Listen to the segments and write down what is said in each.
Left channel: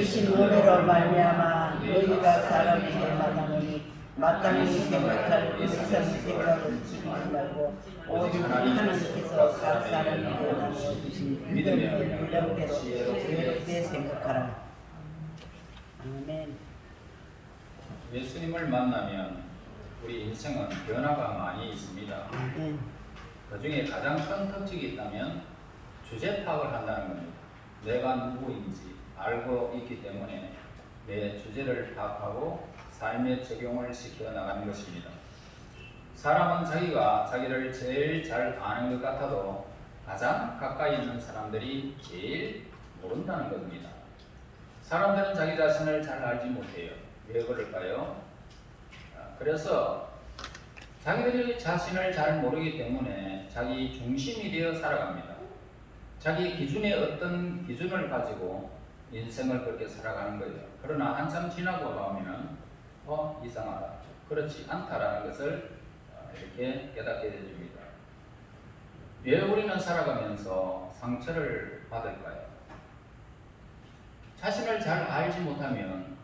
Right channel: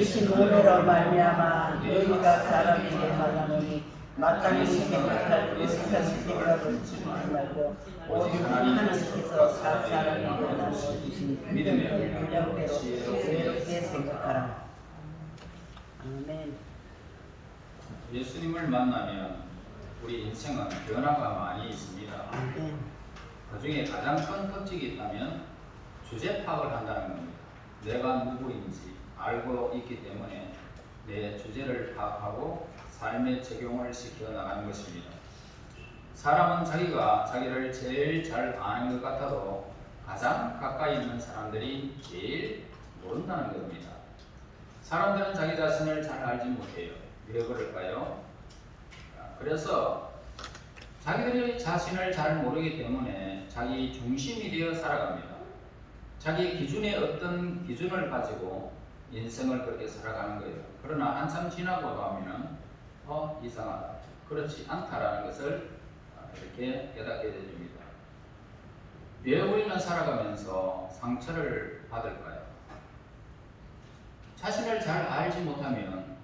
이신 오늘로 말미암아 너희가 사람에게 만나노니 마땅히 생각할 의사의 생각을 지키지 말고 오직 하나님께서 각 사람에게 나누어 주신 믿음의 능력대로 의롭게 생각하라. 아멘. 예수님을 만나면 우리 인생은 변화가 많이 있습니다. 아멘. 그 중에 가장 큰 특징이 있다면 주제 파악을 한다는 겁니다. 내가 누구인지 알고 있기 때문에 내 주제를 파악하고 삶에 적용을 시켜 나가는 것입니다. 사람은 자기가 자기를 제일 잘 아는 것 같아도 가장 가까이 있는 사람들이 제일 모른다는 겁니다. 사람들은 자기 자신을 잘 알지 못해요. 왜 그럴까요? 그래서 자기들이 자신을 잘 모르기 때문에 자기 중심이 되어 살아갑니다. 자기 기준에 어떤 기준을 가지고 인생을 그렇게 살아가는 거예요. 그러나 한참 지나고 나면 이상하다, 그렇지 않다라는 것을 이렇게 깨닫게 됩니다. 왜 우리는 살아가면서 상처를 받을까요? 자신을 잘 알지 못하면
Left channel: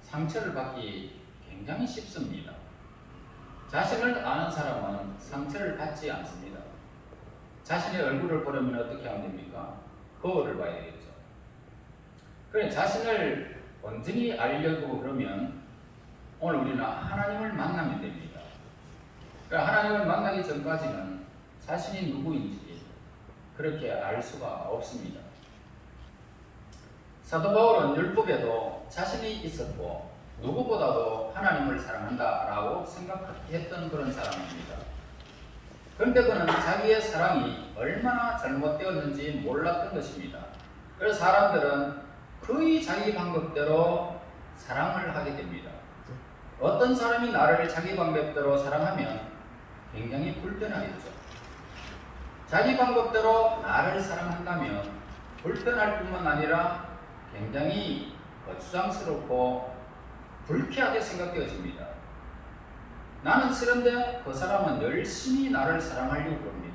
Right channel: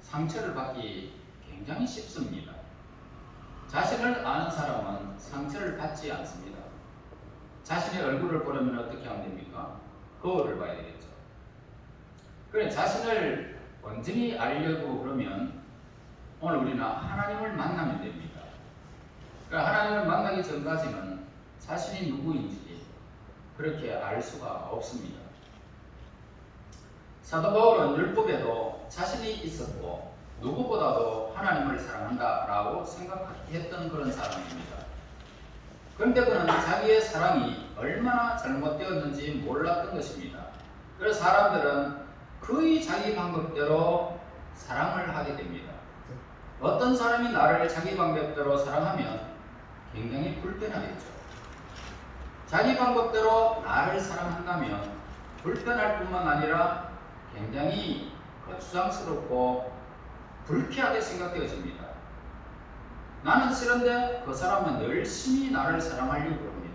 상처를 받기 굉장히 쉽습니다. 자신을 아는 사람은 상처를 받지 않습니다. 자신의 얼굴을 보려면 어떻게 하면 됩니까? 거울을 봐야 되겠죠. 그래, 자신을 완전히 알려고 그러면 오늘 우리는 하나님을 만나면 됩니다. 그러니까 하나님을 만나기 전까지는 자신이 누구인지 그렇게 알 수가 없습니다. 사도 바울은 율법에도 자신이 있었고 누구보다도 하나님을 사랑한다라고 생각했던 그런 사람입니다. 그런데 그는 자기의 사랑이 얼마나 잘못되었는지 몰랐던 것입니다. 그래서 사람들은 거의 자기 방법대로 사랑을 하게 됩니다. 어떤 사람이 나를 자기 방법대로 사랑하면 굉장히 불편하겠죠. 자기 방법대로 나를 사랑한다면 불편할 뿐만 아니라 굉장히 거추장스럽고 불쾌하게 생각되어집니다. 나는 싫은데 그 사람은 열심히 나를 사랑하려고 합니다.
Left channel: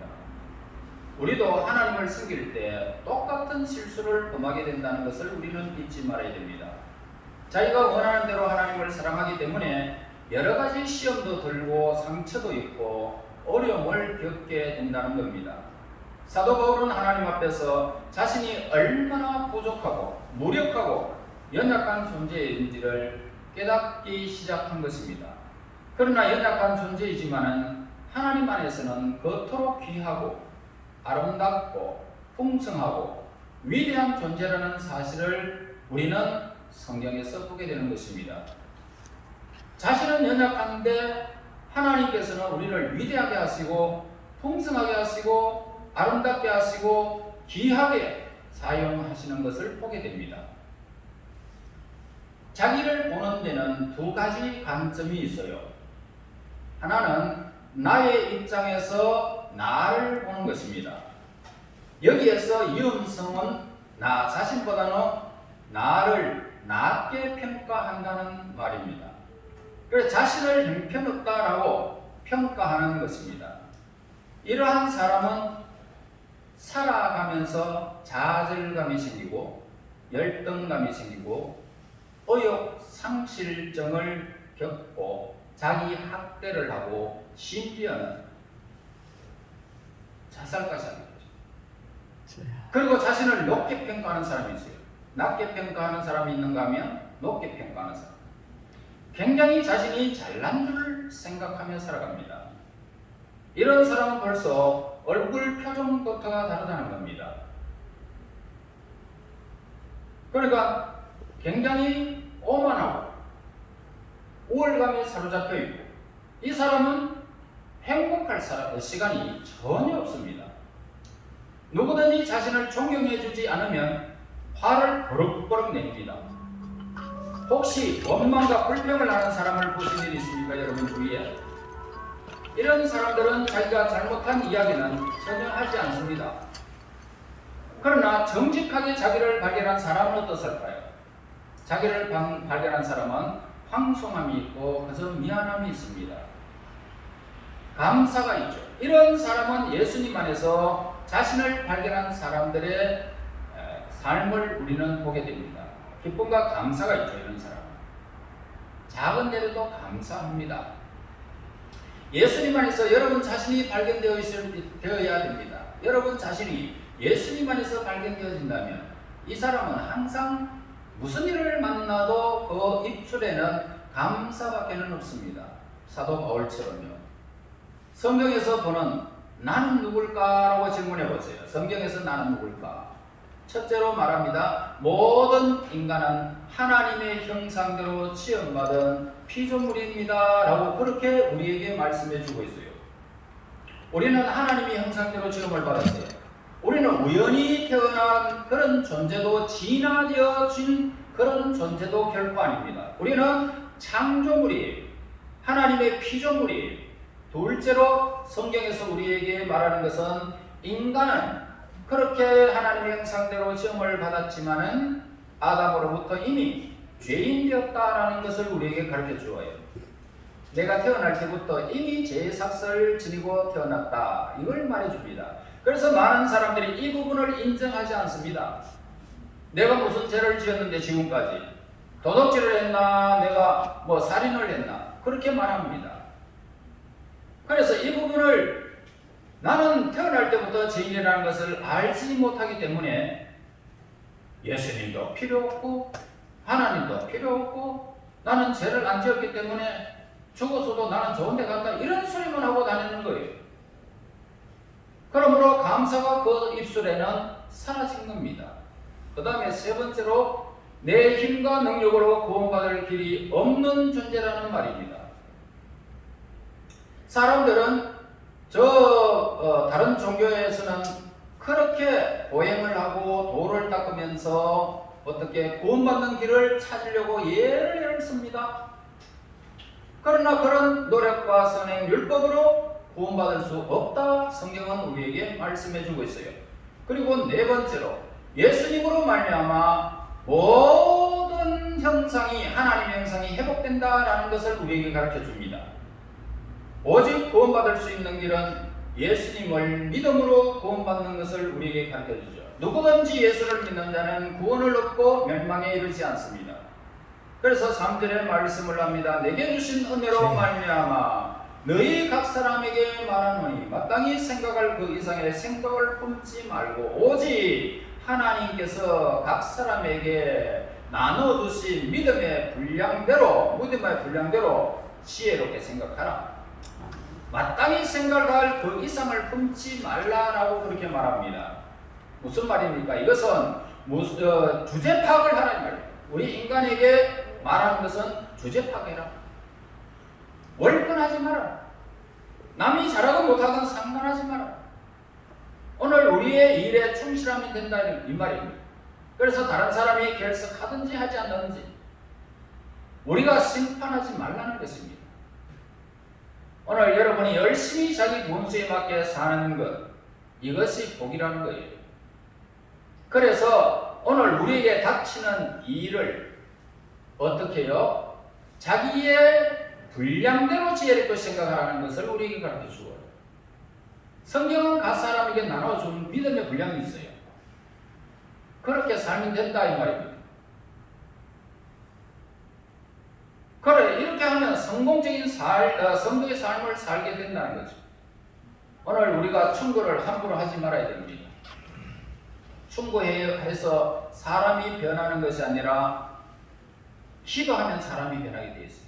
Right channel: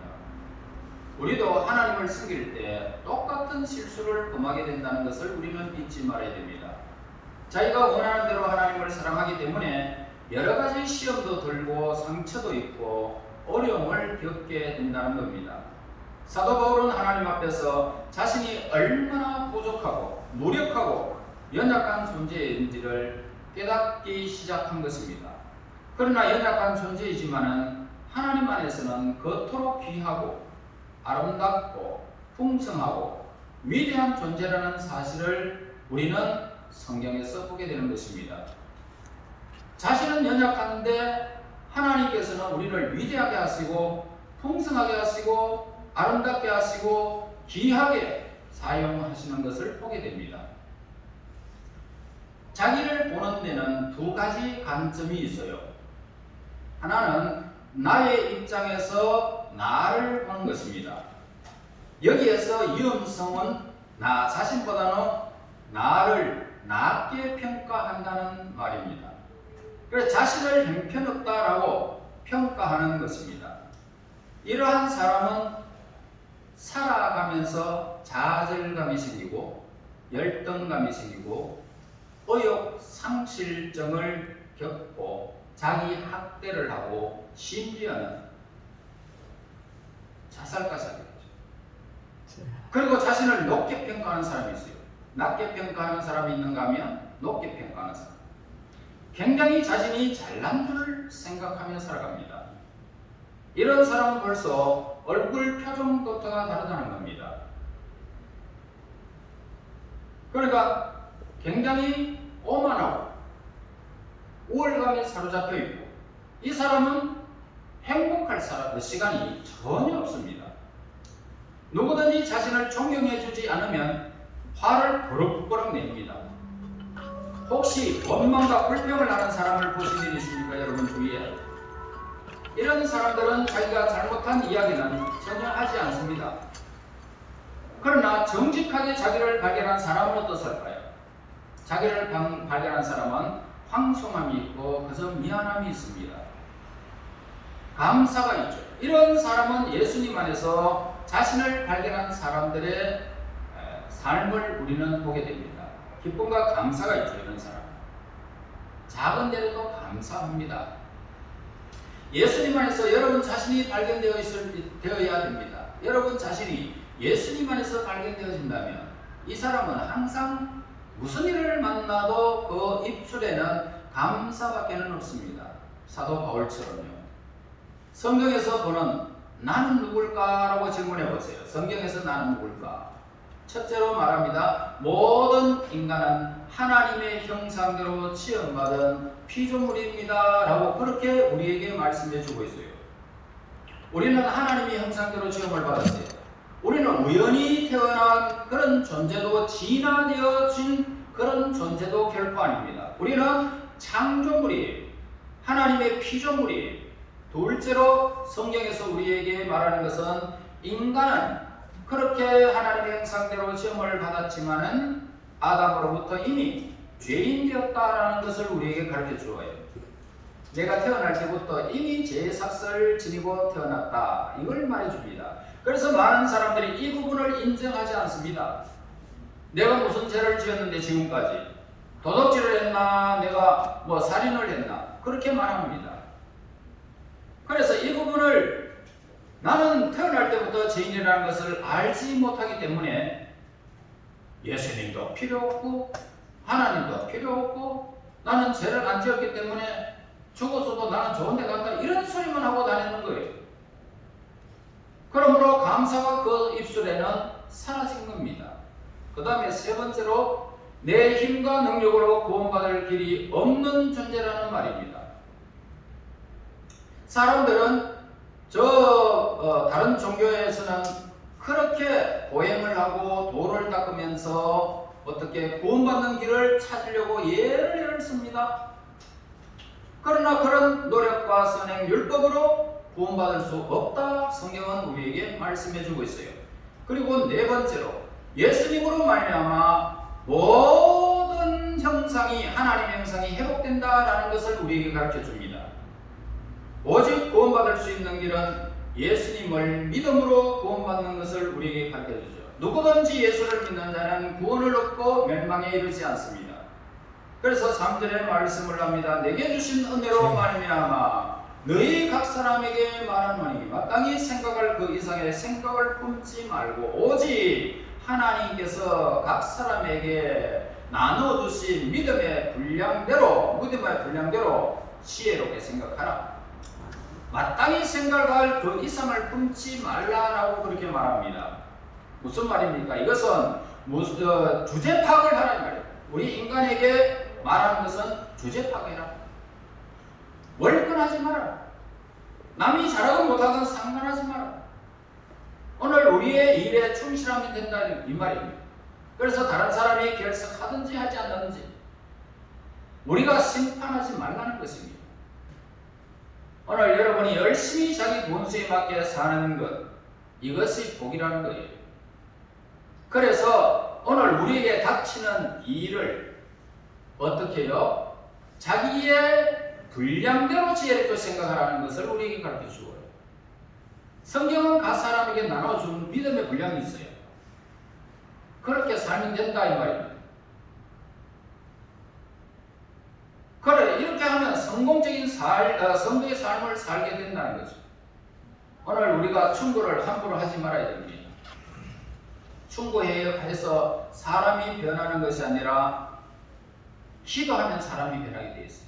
우리도 하나님을 섬길 때 똑같은 실수를 범하게 된다는 것을 우리는 잊지 말아야 됩니다. 자기가 원하는 대로 하나님을 사랑하기 때문에 여러 가지 시험도 들고 상처도 있고 어려움을 겪게 된다는 겁니다. 사도 바울은 하나님 앞에서 자신이 얼마나 부족하고 무력하고 연약한 존재인지를 깨닫기 시작한 것입니다. 그러나 연약한 존재이지만은 하나님 안에서는 그토록 귀하고 아름답고 풍성하고 위대한 존재라는 사실을 우리는 성경에서 보게 되는 것입니다. 자신은 연약한데 하나님께서는 우리를 위대하게 하시고 풍성하게 하시고 아름답게 하시고 귀하게 사용하시는 것을 보게 됩니다. 자기를 보는 데는 두 가지 관점이 있어요. 하나는 나의 입장에서 나를 보는 것입니다. 여기에서 유음성은 나 자신보다는 나를 낮게 평가한다는 말입니다. 그래서 자신을 형편없다라고 평가하는 것입니다. 이러한 사람은 살아가면서 좌절감이 생기고 열등감이 생기고 의욕 상실증을 겪고 자기 학대를 하고 심지어는 자살까지 하게 되죠. 그리고 자신을 높게 평가하는 사람이 있어요. 낮게 평가하는 사람이 있는가 하면 높게 평가하는 사람. 굉장히 자신이 잘난 줄 생각하며 살아갑니다. 이런 사람은 벌써 얼굴 표정부터가 다르다는 겁니다. 그러니까 굉장히 오만하고 우월감에 사로잡혀 있고 이 사람은 행복할 시간이 전혀 없습니다. 누구든지 자신을 존경해 주지 않으면 화를 버럭버럭 냅니다. 혹시 원망과 불평을 하는 사람을 보신 일 있습니까? 여러분 주위에 이런 사람들은 자기가 잘못한 이야기는 전혀 하지 않습니다. 그러나 정직하게 자기를 발견한 사람은 어떻을까요? 자기를 발견한 사람은 황송함이 있고 그저 미안함이 있습니다. 감사가 있죠. 이런 사람은 예수님 안에서 자신을 발견한 사람들의 삶을 우리는 보게 됩니다. 기쁨과 감사가 있죠. 이런 사람은 작은 데로도 감사합니다. 예수님 안에서 여러분 자신이 발견되어야 됩니다. 여러분 자신이 예수님 안에서 발견되어진다면 이 사람은 항상 무슨 일을 만나도 그 입술에는 감사밖에는 없습니다. 사도 바울처럼요. 성경에서 보는 나는 누굴까라고 질문해 보세요. 성경에서 나는 누굴까? 첫째로 말합니다. 모든 인간은 하나님의 형상대로 지음받은 피조물입니다 라고 그렇게 우리에게 말씀해 주고 있어요. 우리는 하나님의 형상대로 지음을 받았어요. 우리는 우연히 태어난 그런 존재도 진화되어진 그런 존재도 결코 아닙니다. 우리는 창조물이에요. 하나님의 피조물이에요. 둘째로 성경에서 우리에게 말하는 것은 인간은 그렇게 하나님의 형상대로 지음을 받았지만은 아담으로부터 이미 죄인 되었다라는 것을 우리에게 가르쳐 주어요. 내가 태어날 때부터 이미 죄의 삭슬을 지니고 태어났다. 이걸 말해줍니다. 그래서 많은 사람들이 이 부분을 인정하지 않습니다. 내가 무슨 죄를 지었는데 지금까지 도둑질을 했나 내가 뭐 살인을 했나 그렇게 말합니다. 그래서 이 부분을 나는 태어날 때부터 죄인이라는 것을 알지 못하기 때문에 예수님도 필요 없고 하나님도 필요 없고 나는 죄를 안 지었기 때문에 죽어서도 나는 좋은 데 간다 이런 소리만 하고 다니는 거예요. 그러므로 감사가 그 입술에는 사라진 겁니다. 그 다음에 세 번째로 내 힘과 능력으로 구원받을 길이 없는 존재라는 말입니다. 사람들은 다른 종교에서는 그렇게 보행을 하고 도를 닦으면서 어떻게 구원받는 길을 찾으려고 예를 씁니다. 그러나 그런 노력과 선행 율법으로 구원받을 수 없다 성경은 우리에게 말씀해 주고 있어요. 그리고 네 번째로 예수님으로 말미암아 모든 형상이 하나님의 형상이 회복된다라는 것을 우리에게 가르쳐 줍니다. 오직 구원받을 수 있는 길은 예수님을 믿음으로 구원받는 것을 우리에게 가르쳐 주죠. 누구든지 예수를 믿는 자는 구원을 얻고 멸망에 이르지 않습니다. 그래서 3절에 말씀을 합니다. 내게 주신 은혜로 말미암아 너희 각 사람에게 말하노니 마땅히 생각할 그 이상의 생각을 품지 말고 오직 하나님께서 각 사람에게 나눠주신 믿음의 분량대로 지혜롭게 생각하라. 마땅히 생각할 그 이상을 품지 말라라고 그렇게 말합니다. 무슨 말입니까? 이것은 주제 파악을 하라는 말이에요. 우리 인간에게 말하는 것은 주제 파악해라. 월권하지 마라. 남이 잘하든 못하든 상관하지 마라. 오늘 우리의 일에 충실하면 된다는 이 말입니다. 그래서 다른 사람이 결석하든지 하지 않든지 우리가 심판하지 말라는 것입니다. 오늘 여러분이 열심히 자기 본수에 맞게 사는 것, 이것이 복이라는 거예요. 그래서 오늘 우리에게 닥치는 일을 어떻게 해요? 자기의 분량대로 지혜롭게 생각하라는 것을 우리에게 가르쳐 주어요. 성경은 각 사람에게 나눠준 믿음의 분량이 있어요. 그렇게 살면 된다 이 말입니다. 그래 이렇게 하면 성공적인 성도의 삶을 살게 된다는 거죠. 오늘 우리가 충고를 함부로 하지 말아야 됩니다. 충고해서 사람이 변하는 것이 아니라 기도하면 사람이 변하게 되어 있어요.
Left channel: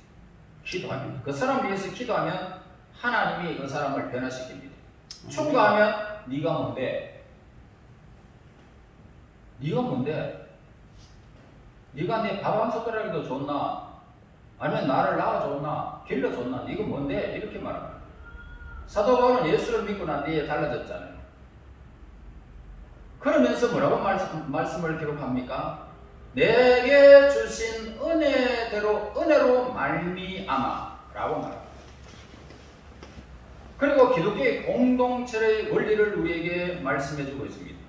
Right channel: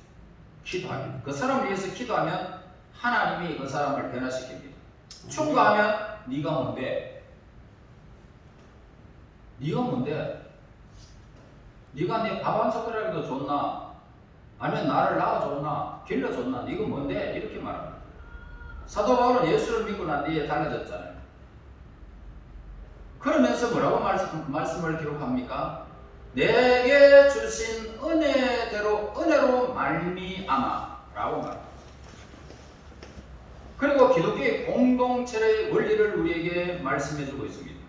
기도하면 그 사람을 위해서 기도하면 하나님이 그 사람을 변화시킵니다. 충고하면 네가 뭔데? 네가 뭔데? 네가 내 밥 한 숟가락이라도 줬나? 아니면 나를 낳아줬나? 길러줬나? 네가 뭔데? 이렇게 말합니다. 사도 바울은 예수를 믿고 난 뒤에 달라졌잖아요. 그러면서 뭐라고 말씀을 기록합니까? 내게 주신 은혜로 말미암아 라고 말합니다. 그리고 기독교의 공동체의 원리를 우리에게 말씀해주고 있습니다.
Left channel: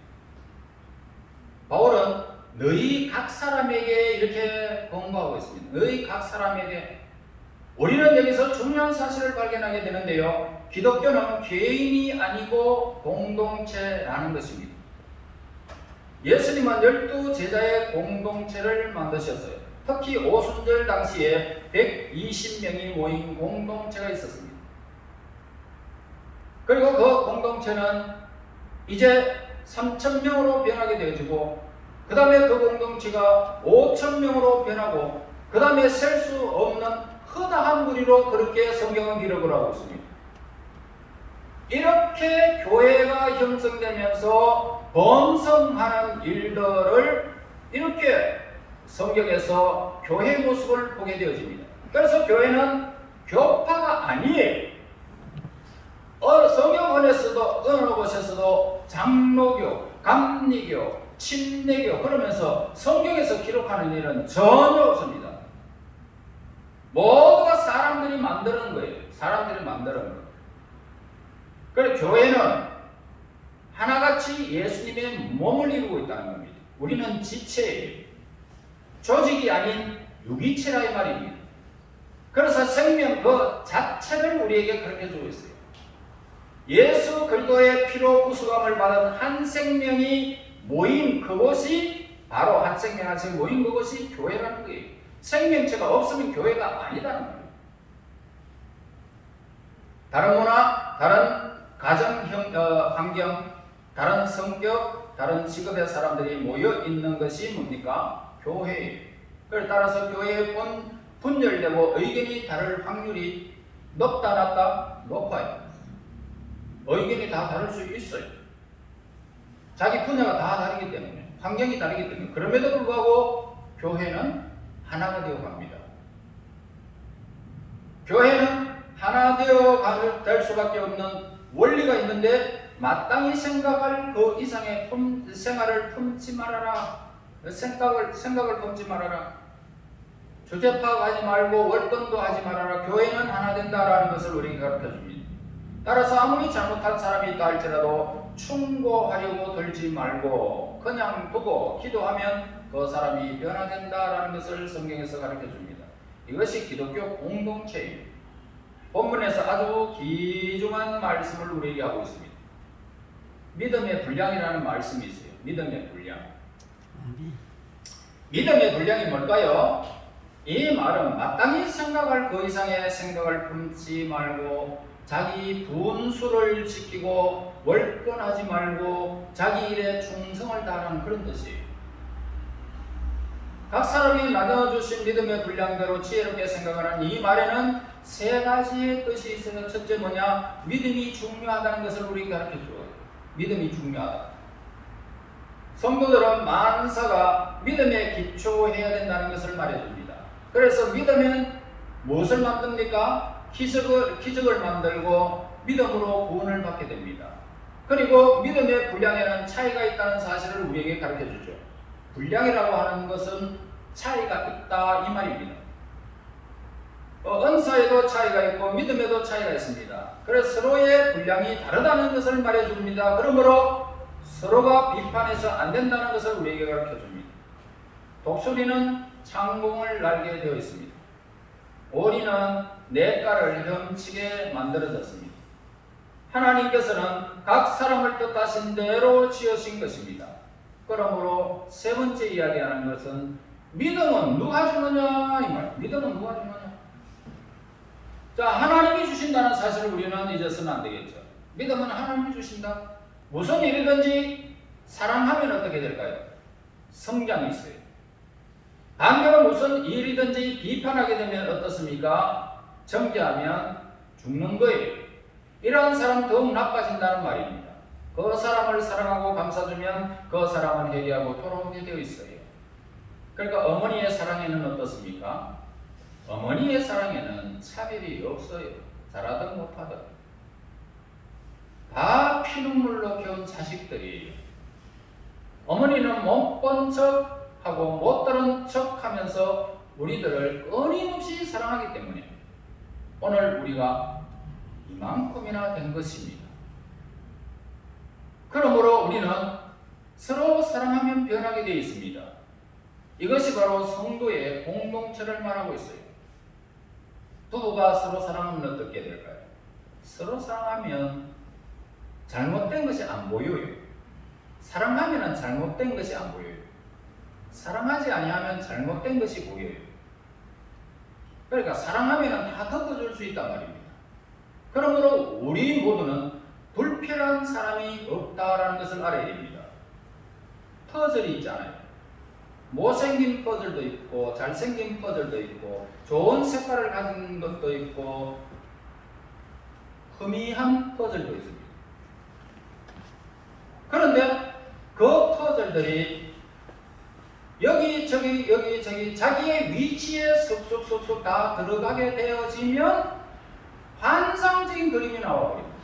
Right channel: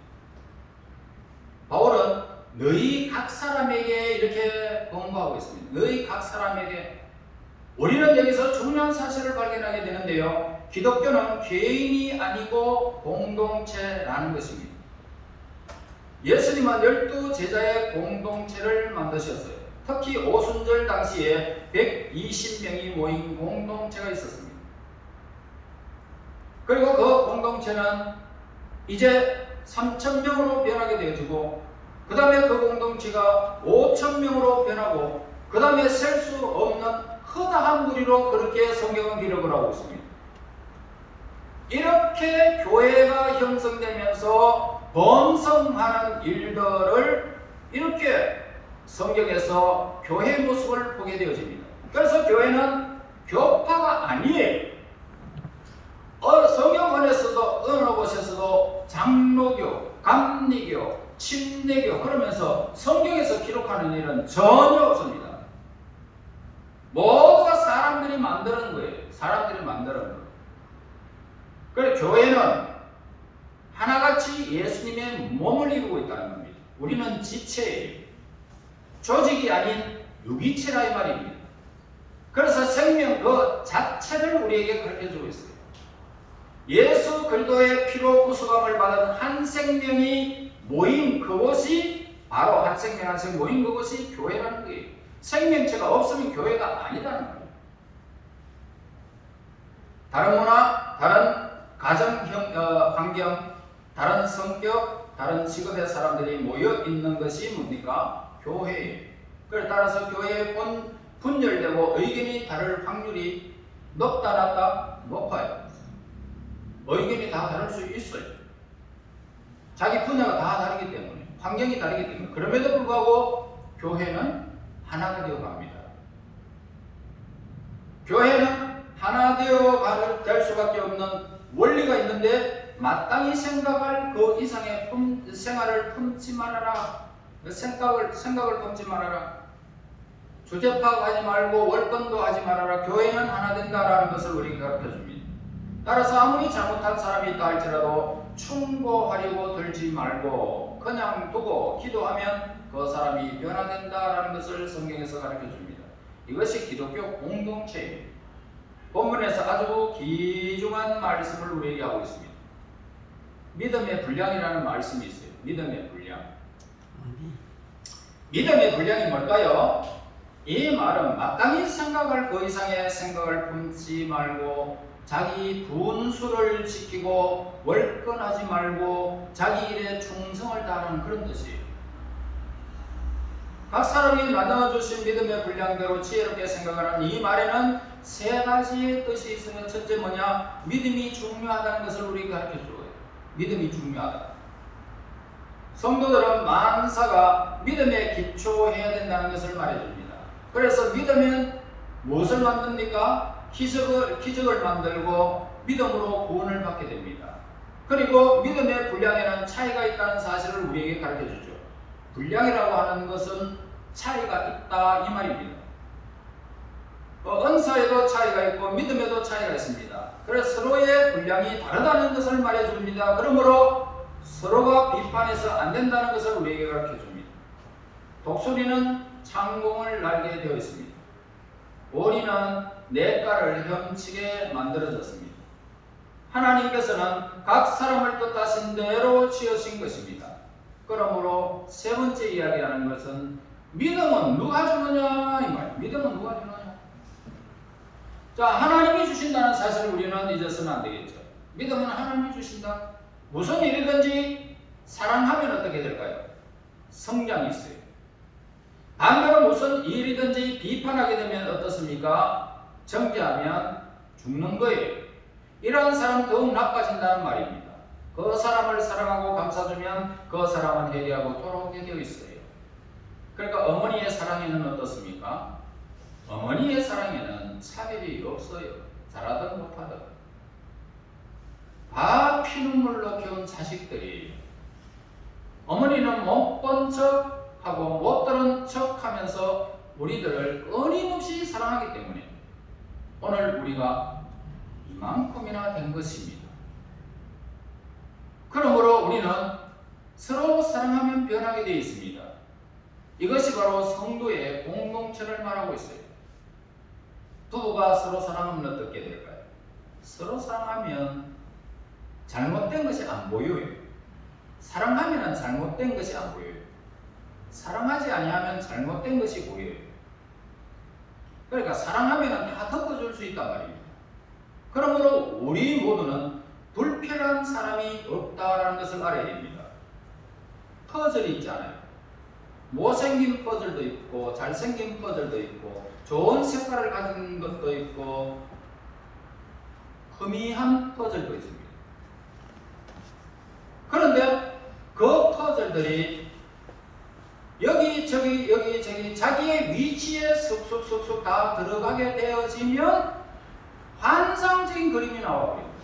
바울은 너희 각 사람에게 이렇게 권고하고 있습니다. 너희 각 사람에게. 우리는 여기서 중요한 사실을 발견하게 되는데요. 기독교는 개인이 아니고 공동체라는 것입니다. 예수님은 12제자의 공동체를 만드셨어요. 특히 오순절 당시에 120명이 모인 공동체가 있었습니다. 그리고 그 공동체는 이제 3,000명으로 변하게 되어지고, 그 다음에 그 공동체가 5,000명으로 변하고, 그 다음에 셀 수 없는 허다한 무리로 그렇게 성경은 기록을 하고 있습니다. 이렇게 교회가 형성되면서 번성하는 일들을 이렇게 성경에서 교회의 모습을 보게 되어집니다. 그래서 교회는 교파가 아니에요. 성경원에서도 어느 곳에서도 장로교, 감리교, 침례교 그러면서 성경에서 기록하는 일은 전혀 없습니다. 모두가 사람들이 만드는 거예요. 사람들이 만드는 거예요. 그래서 교회는 하나같이 예수님의 몸을 이루고 있다는 겁니다. 우리는 지체예요. 조직이 아닌 유기체라 이 말입니다. 그래서 생명 그 자체를 우리에게 가르쳐주고 있어요. 예수 그리스도의 피로 구속함을 받은 한 생명이 모인 그곳이 바로 한 생명 한 생명 모인 그곳이 교회라는 거예요. 생명체가 없으면 교회가 아니라는 거예요. 다른 문화, 다른 가정 환경, 다른 성격, 다른 직업의 사람들이 모여 있는 것이 뭡니까? 교회예요. 그래 따라서 교회에 분열되고 의견이 다를 확률이 높다 낮다? 높아요. 의견이 다 다를 수 있어요. 자기 분야가 다 다르기 때문에, 환경이 다르기 때문에. 그럼에도 불구하고 교회는 하나가 되어 갑니다. 교회는 하나 되어 될 수밖에 없는 원리가 있는데, 마땅히 생각할 그 이상의 생활을 품지 말아라. 생각을 품지 말아라. 주제 파악하지 말고 월권도 하지 말아라. 교회는 하나 된다라는 것을 우리에게 가르쳐 줍니다. 따라서 아무리 잘못한 사람이 있다 할지라도 충고하려고 들지 말고 그냥 두고 기도하면 그 사람이 변화된다라는 것을 성경에서 가르쳐 줍니다. 이것이 기독교 공동체예요. 본문에서 아주 귀중한 말씀을 우리에게 하고 있습니다. 믿음의 분량이라는 말씀이 있어요. 믿음의 분량. 믿음의 분량이 뭘까요? 이 말은 마땅히 생각할 그 이상의 생각을 품지 말고 자기 분수를 지키고 월권하지 말고 자기 일에 충성을 다하는 그런 뜻이에요. 각 사람이 나눠주신 믿음의 분량대로 지혜롭게 생각하는 이 말에는 세 가지의 뜻이 있으면, 첫째 뭐냐? 믿음이 중요하다는 것을 우리가 가르쳐줘요. 믿음이 중요하다. 성도들은 만사가 믿음에 기초해야 된다는 것을 말해줍니다. 그래서 믿으면 무엇을 만듭니까? 기적을 만들고 믿음으로 구원을 받게 됩니다. 그리고 믿음의 분량에는 차이가 있다는 사실을 우리에게 가르쳐주죠. 분량이라고 하는 것은 차이가 있다 이 말입니다. 은사에도 차이가 있고 믿음에도 차이가 있습니다. 그래서 서로의 분량이 다르다는 것을 말해줍니다. 그러므로 서로가 비판해서 안 된다는 것을 우리에게 가르쳐줍니다. 독수리는 창공을 날게 되어 있습니다. 오리는 냇가를 헤엄치게 만들어졌습니다. 하나님께서는 각 사람을 뜻하신 대로 지으신 것입니다. 그러므로 세 번째 이야기하는 것은 믿음은 누가 주느냐 이 말. 믿음은 누가 주느냐. 자, 하나님이 주신다는 사실을 우리는 잊어서는 안 되겠죠. 믿음은 하나님이 주신다. 무슨 일이든지 사랑하면 어떻게 될까요? 성장이 있어요. 반대로 무슨 일이든지 비판하게 되면 어떻습니까? 정죄하면 죽는 거예요. 이런 사람 더욱 나빠진다는 말입니다. 그 사람을 사랑하고 감싸주면 그 사람은 회개하고 돌아오게 되어 있어요. 그러니까 어머니의 사랑에는 어떻습니까? 어머니의 사랑에는 차별이 없어요. 잘하든 못하든. 다 피눈물로 키운 자식들이에요. 어머니는 못 본 척하고 못 들은 척하면서 우리들을 끊임없이 사랑하기 때문에 오늘 우리가 이만큼이나 된 것입니다. 그러므로 우리는 서로 사랑하면 변하게 되어 있습니다. 이것이 바로 성도의 공동체를 말하고 있어요. 부부가 서로 사랑하면 어떻게 될까요? 서로 사랑하면 잘못된 것이 안 보여요. 사랑하면 잘못된 것이 안 보여요. 사랑하지 아니하면 잘못된 것이 보여요. 그러니까 사랑하면 다 덮어줄 수 있단 말입니다. 그러므로 우리 모두는 불필요한 사람이 없다라는 것을 알아야 됩니다. 퍼즐이 있잖아요. 못생긴 퍼즐도 있고 잘생긴 퍼즐도 있고 좋은 색깔을 가진 것도 있고 희미한 퍼즐도 있습니다. 그런데 그 퍼즐들이 여기 저기 자기의 위치에 쏙쏙쏙쏙 다 들어가게 되어지면 환상적인 그림이 나와버립니다.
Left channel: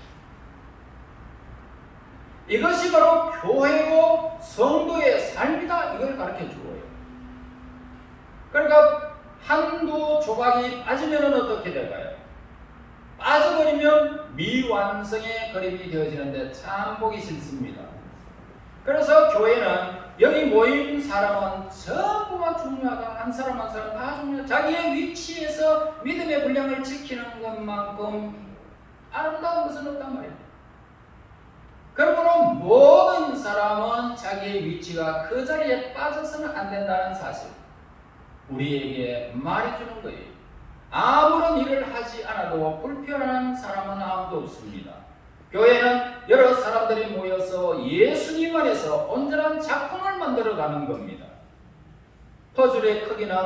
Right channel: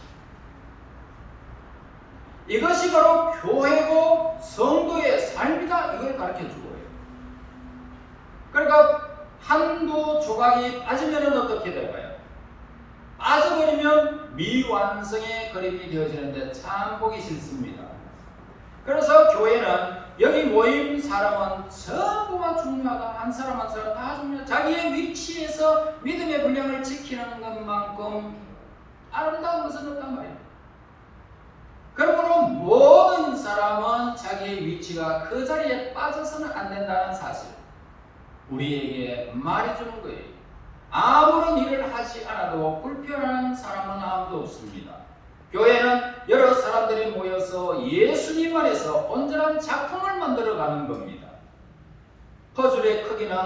이것이 바로 교회고 성도의 삶이다, 이걸 가르쳐주고 있어요. 그러니까 한두 조각이 빠지면 어떻게 될까요? 빠져버리면 미완성의 그림이 되어지는데 참 보기 싫습니다. 그래서 교회는 여기 모인 사람은 전부가 중요하다. 한 사람 한 사람 다 중요하다. 자기의 위치에서 믿음의 분량을 지키는 것만큼 아름다운 것은 없단 말입니다. 그러므로 모든 사람은 자기의 위치가 그 자리에 빠져서는 안 된다는 사실 우리에게 말해주는 거예요. 아무런 일을 하지 않아도 불편한 사람은 아무도 없습니다. 교회는 여러 사람들이 모여서 예수님 안에서 온전한 작품을 만들어가는 겁니다. 퍼즐의 크기는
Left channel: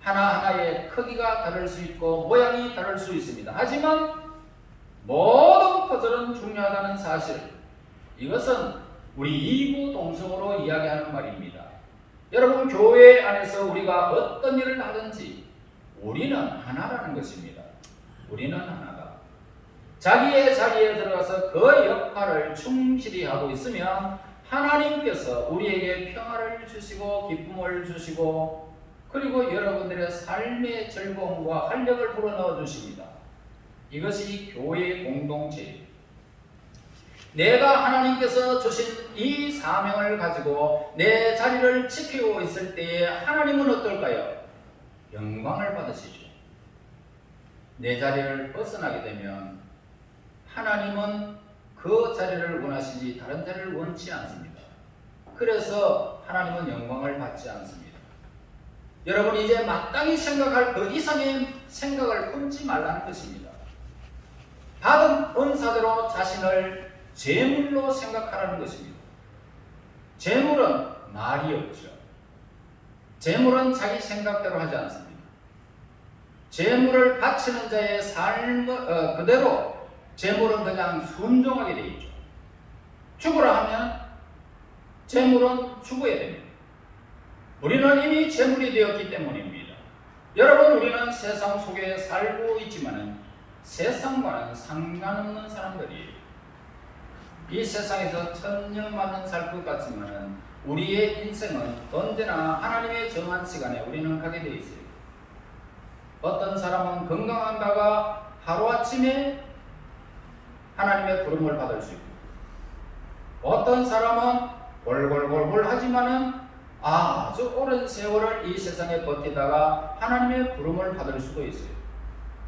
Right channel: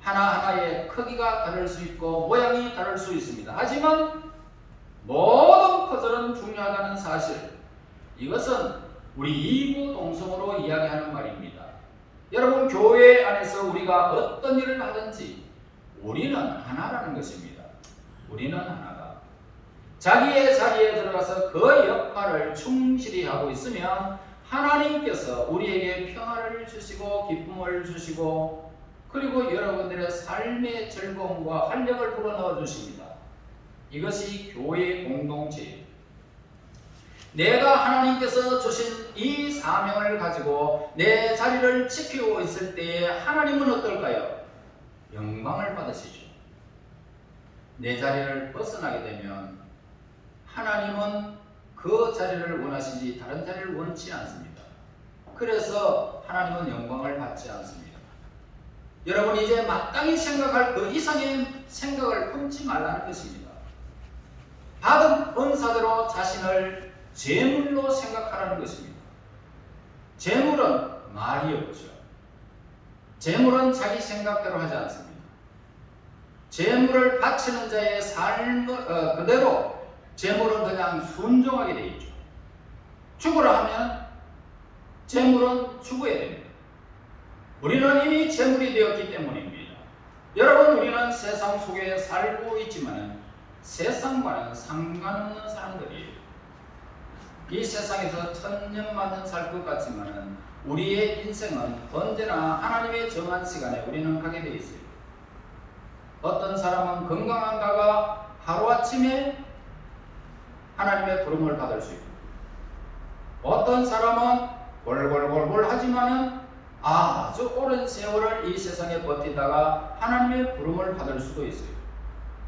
하나하나의 크기가 다를 수 있고 모양이 다를 수 있습니다. 하지만 모든 퍼즐은 중요하다는 사실, 이것은 우리 이구동성으로 이야기하는 말입니다. 여러분, 교회 안에서 우리가 어떤 일을 하든지 우리는 하나라는 것입니다. 우리는 하나다. 자기의 자리에 들어가서 그 역할을 충실히 하고 있으면 하나님께서 우리에게 평화를 주시고 기쁨을 주시고 그리고 여러분들의 삶의 즐거움과 활력을 불어넣어 주십니다. 이것이 교회의 공동체입니다. 내가 하나님께서 주신 이 사명을 가지고 내 자리를 지키고 있을 때에 하나님은 어떨까요? 영광을 받으시죠. 내 자리를 벗어나게 되면 하나님은 그 자리를 원하시지 다른 자리를 원치 않습니다. 그래서 하나님은 영광을 받지 않습니다. 여러분, 이제 마땅히 생각할 그 이상의 생각을 품지 말라는 것입니다. 받은 은사대로 자신을 재물로 생각하라는 것입니다. 재물은 말이 없죠. 재물은 자기 생각대로 하지 않습니다. 재물을 바치는 자의 삶 그대로 재물은 그냥 순종하게 되어 있죠. 죽으라 하면 재물은 죽어야 됩니다. 우리는 이미 재물이 되었기 때문입니다. 여러분, 우리는 세상 속에 살고 있지만 세상과는 상관없는 사람들이에요. 이 세상에서 천년만년 살 것 같지만 우리의 인생은 언제나 하나님의 정한 시간에 우리는 가게 되어 있어요. 어떤 사람은 건강한다가 하루아침에 하나님의 부름을 받을 수 있고, 어떤 사람은 골골골골 하지만은 아주 오랜 세월을 이 세상에 버티다가 하나님의 부름을 받을 수도 있어요.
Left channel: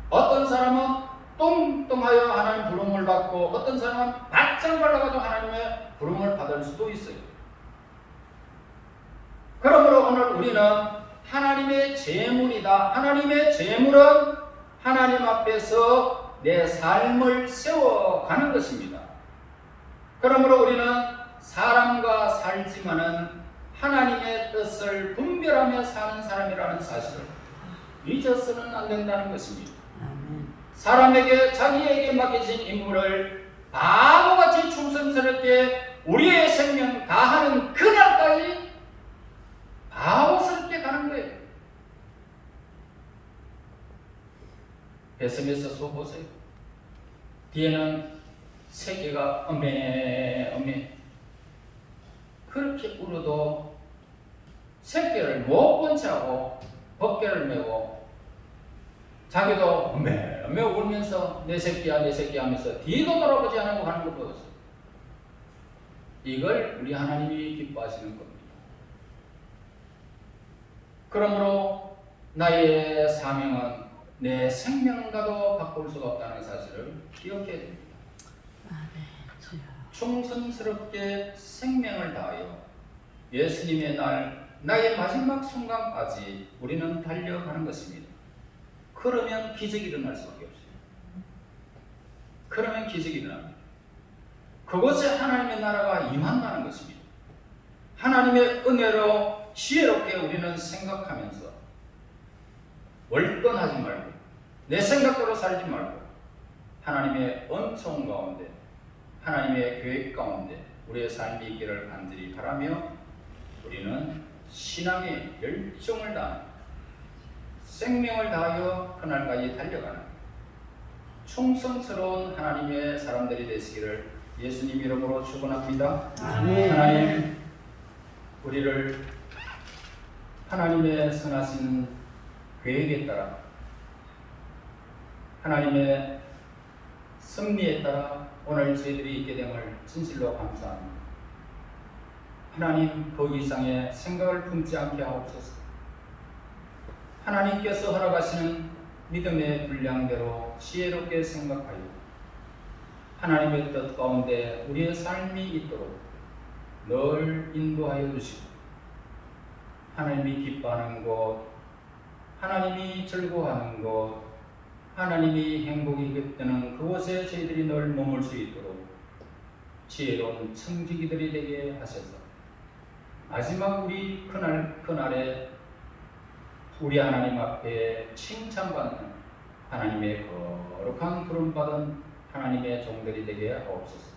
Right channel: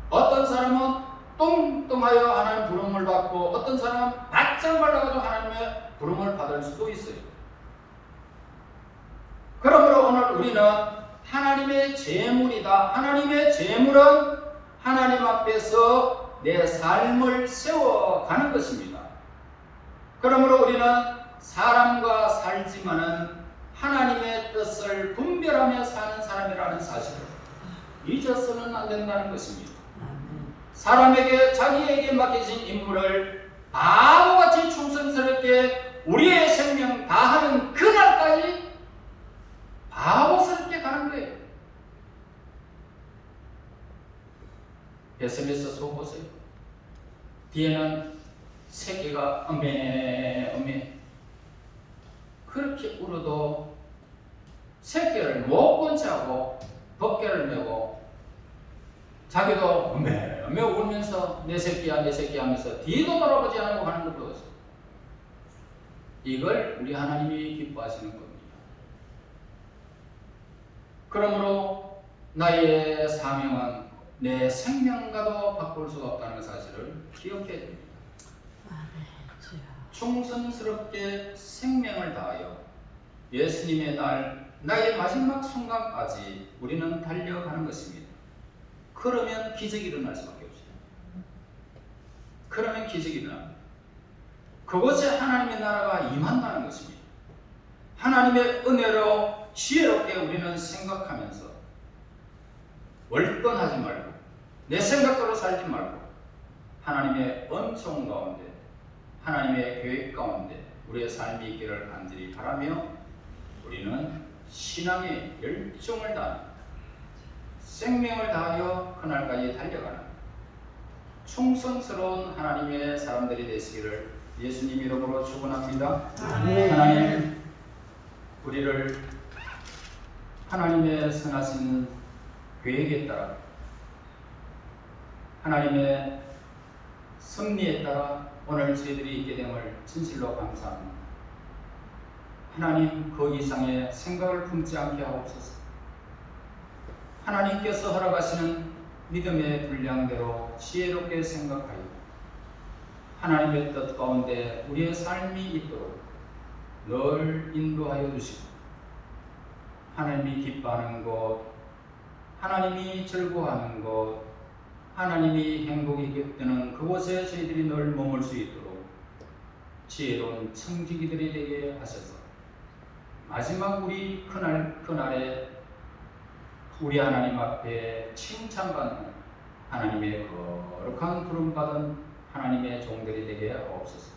어떤 사람은 뚱뚱하여 하나님 부름을 받고, 어떤 사람은 바짝 말라가지고 하나님의 부름을 받을 수도 있어요. 그러므로 오늘 우리는 하나님의 재물이다. 하나님의 재물은 하나님 앞에서 내 삶을 세워가는 것입니다. 그러므로 우리는 사람과 살지만은 하나님의 뜻을 분별하며 사는 사람이라는 사실을 잊어서는 안 된다는 것입니다. 사람에게 자기에게 맡겨진 임무를 바보같이 충성스럽게 우리의 생명 다하는 그날까지 바보스럽게 가는 거예요. 뱃속에서 소 보세요. 뒤에는 새끼가 어메 그렇게 울어도 새끼를 못 본 채하고 덮개를 메고 자기도 어메 울면서 내 새끼야 하면서 뒤도 돌아보지 않고 가는 것도 없어요. 이걸 우리 하나님이 기뻐하시는 겁니다. 그러므로 나의 사명은 내 생명과도 바꿀 수가 없다는 사실을 기억해야 됩니다. 충성스럽게 생명을 다하여 예수님의 날 나의 마지막 순간까지 우리는 달려가는 것입니다. 그러면 기적이 일어날 수밖에 없습니다. 그러면 기적이 일어납니다. 그것에 하나님의 나라가 임한다는 것입니다. 하나님의 은혜로 지혜롭게 우리는 생각하면서 월권하지 말고 내 생각대로 살지 말고 하나님의 은총 가운데 하나님의 계획 가운데 우리의 삶이 있기를 간절히 바라며 우리는 신앙의 열정을 다하는 생명을 다하여 그날까지 달려가는 충성스러운 하나님의 사람들이 되시기를 예수님 이름으로 축원합니다. 하나님 우리를 하나님의 선하신 계획에 따라 하나님의 섭리에 따라 오늘 저희들이 있게 됨을 진실로 감사합니다. 하나님 그 이상의 생각을 품지 않게 하옵소서. 하나님께서 허락하시는 믿음의 분량대로 지혜롭게 생각하여 하나님의 뜻 가운데 우리의 삶이 있도록 늘 인도하여 주시고 하나님이 기뻐하는 것, 하나님이 즐거워하는 것, 하나님이 행복이 되는 그곳에 저희들이 늘 머물 수 있도록 지혜로운 청지기들이 되게 하셔서 마지막 우리 그날에 우리 하나님 앞에 칭찬받는 하나님의 거룩한 부름받은 하나님의 종들이 되게 하옵소서.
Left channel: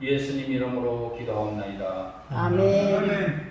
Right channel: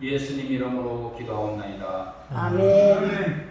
예수님 이름으로 기도하옵나이다. 아멘.